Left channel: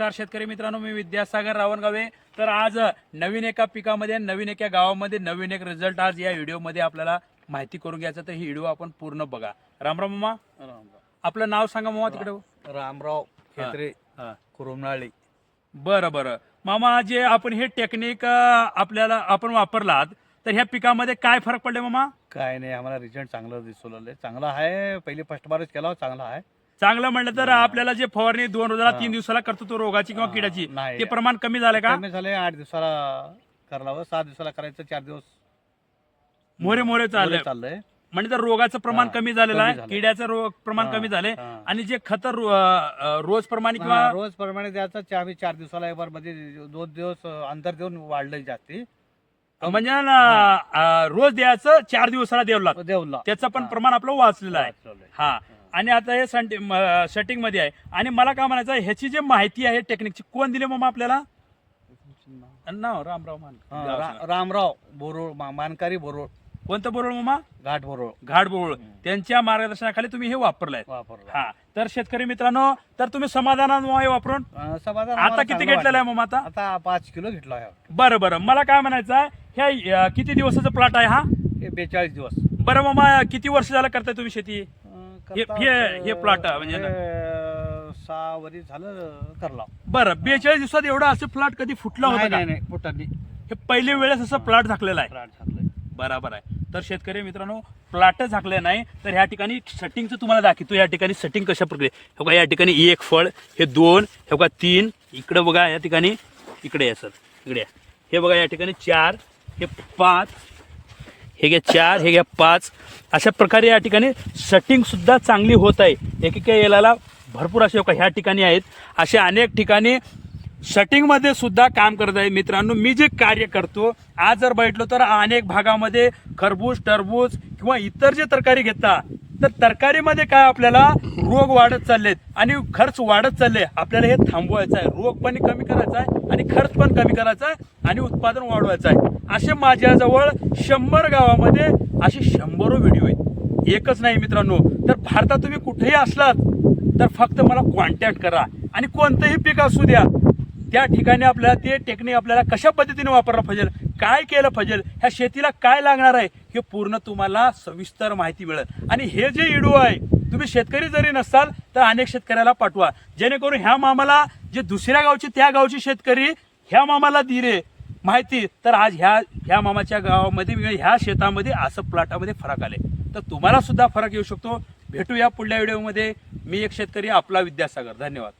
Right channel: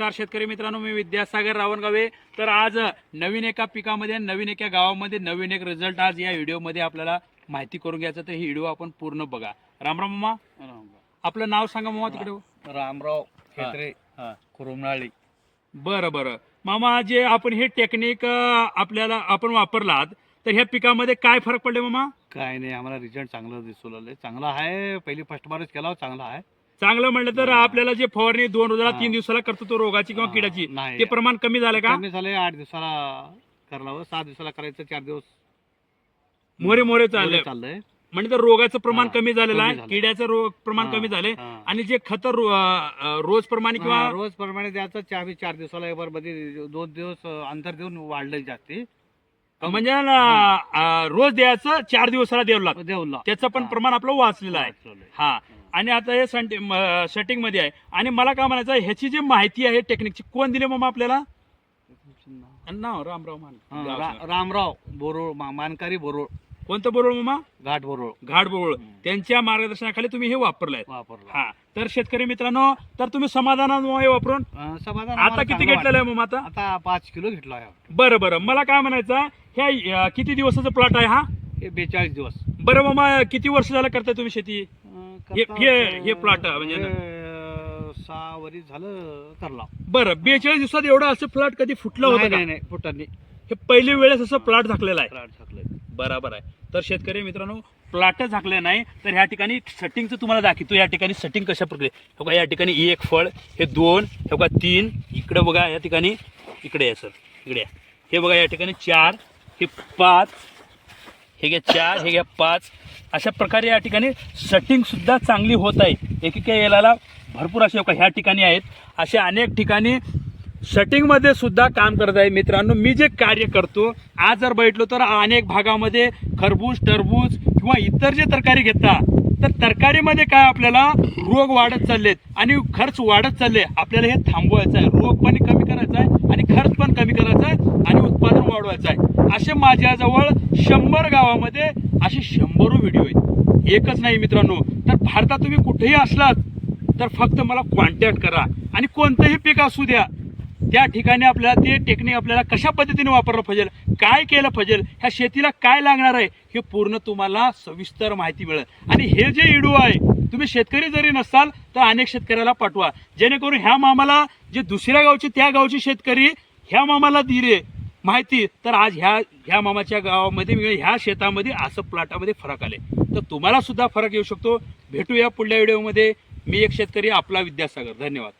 नमस्कार शेतकरी मित्रांनो, मी विद्यासागर रावणगावे. तर आज नवीन एका पिकामध्ये नवीन एका गावामध्ये नवीन एक रिझल्ट आज या व्हिडिओमध्ये आपल्याला माहिती करून घ्यायचं. तर ही व्हिडिओ आपण पूर्ण बघा. रामराव मामा, आपलं नाव सांगा मामा. तिकडे रामराव खेत्रे, कुरुमनाळी. बरं बरं मामा, जे आपण हे टेक्निक आपल्याला आपण वापरलात तर ह्या पिकामध्ये काय फरक पडले मामा? काय नाही, आम्हाला रिझल्ट चांगलं दिसून आलंय. चांगला आहे, पहिली फर्स्ट बारच केला, चांगला आहे. चांगलं म्हणलं तर आपल्याला जे फवारणी 2 रोजाला 3 दिवसाला करतो तो रोगाची किंवा किड्याची, नाही. ते प्रमाण कमी झालं का? कमी झाले. 8 दिवसाला करावं, 7 दिवसाला करायचं, 4 दिवस मोरे मोरे चाललंय. चाललंय. म्हणजे तर रोगाचं प्रमाण कमी झालेलं कमी आहे, झालं. किड्याचं रोग प्रमाण कमी झाले. आणि जे खत रोज प्रमाणे किंवा रोज प्रमाणे द्यायचं. आम्ही 4 दिवसाला एक बार मध्ये 2 दिवस अंतर देऊन वाढलंय जास्ती. म्हणजे रोज द्यायचं, 4 दिवसाला द्यावं लागतं. देवला त्याचं पण प्रमाण आपलं वाचलेलं आहे. हा. आणि आता हे सेटिंग मध्ये आहे. आणि मला काय म्हणायचं, ह्याची जी माहिती आहे टेक्निकची, कोण दिली मामा आपल्याला? नाव रामराव रामराव बोरोळ, मानकारी बोरोळ. कोणतं बोरोळ मामा? घाट बोरोळ. घाट बोरोळ. त्यांच्या मार्गदर्शनाखाली तुम्ही हे वापरलाय. वापरला. हा. तर शेतकरी मित्रांनो, तर तुम्ही समाधान हे वापरून समाधान. आता किती घेतलेलं आहे मामा? आता 5 किलो घेतला आहे. बरं बरं, मला काय म्हणायचं, ह्या किती दिवसाचा प्लॉट आहे हा? हे 42 दिवस. बरं मामा, किती वर्ष झालं करताय तुम्ही शेती? हे प्लॉट म्हणजे 6 वर्ष झालं करला. बरं, 42 दिवसात एवढा असं प्लॉट कधी फुटला होता का? नाही, फुटणी. हे पहिली वेळेस असं प्लॉट झाकलेला आहे. प्लॉट झाकलंय. बरोबर आहे. तर शेतकरी मित्रांनो, प्लॉट झाकले नाही तर ह्या ठिकाणी सेटिंगचं तुम्हाला दाखवतो. या ठिकाणी सेटिंग कशा प्रकारे, हे बघा, या ठिकाणी 1 फळ, हे 2, हे बघा 3, इकडे बघा, या ठिकाणी इकडे आहे सर, इकडे हे बघा, या ठिकाणी 4, हे 5, हे घ्या 4, हे घ्या 5. अशा प्रकारे या ठिकाणी सेटिंग सुद्धा चांगली होत आहे. एकेका याला भरपूर असे ह्या ठिकाणी आहेत. अशा अनेक ठिकाणी सेटिंग मध्ये सुद्धा काम करत आहे. मित्रांनो, मी जे कार्य करतो, आज जर बघितलं तर अनेक भागामध्ये खरबूज, टरबूज किंवा इतर जे तरकारी घेता, तर तरकारीमध्ये काय आपल्याला रोग वाढत चाललेत आणि खर्च वाढत चालले. आपल्याला हे थांबवायचं आहे, रोग पण कमी करायचा आहे आणि खर्च पण कमी करायचा आहे आणि उत्पादन वाढवायचं आहे. असे माझ्याजवळ 100 गावामध्ये असे 100 व्हिडिओ आहेत. एकच नाही मित्रांनो. तर भारतात तुम्ही कुठेही असलात तर फक्त मला कॉन्टॅक्ट करा आणि कोणतंही पीक असू द्या, त्या ठिकाणी आपल्याला ते टेक्निक आपल्याला कशा पद्धतीने वापरलं पाहिजे, काय केलं पाहिजे, ह्या शेतीला काय लागणार आहे, हे पूर्ण तुम्हाला सविस्तर माहिती मिळेल. आणि हे जे व्हिडिओ आहे, तुम्ही शेतकरी जरी नसाल तर अनेक शेतकऱ्याला पाठवा, जेणेकरून ह्या मामाला, जे दुसऱ्या गावचे त्या गावचे शेतकरी ह्या मामाला दिले माहिती, तर आज ह्या मामाच्या गावामध्ये, ह्या शेतामध्ये असं प्लॉटामध्ये फरक आले. तर तुम्हाला सुद्धा फरक येऊ शकतो. भेटूया पुढल्या व्हिडिओमध्ये. मी एक शेतकरी, आपला विद्यासागर. धन्यवाद.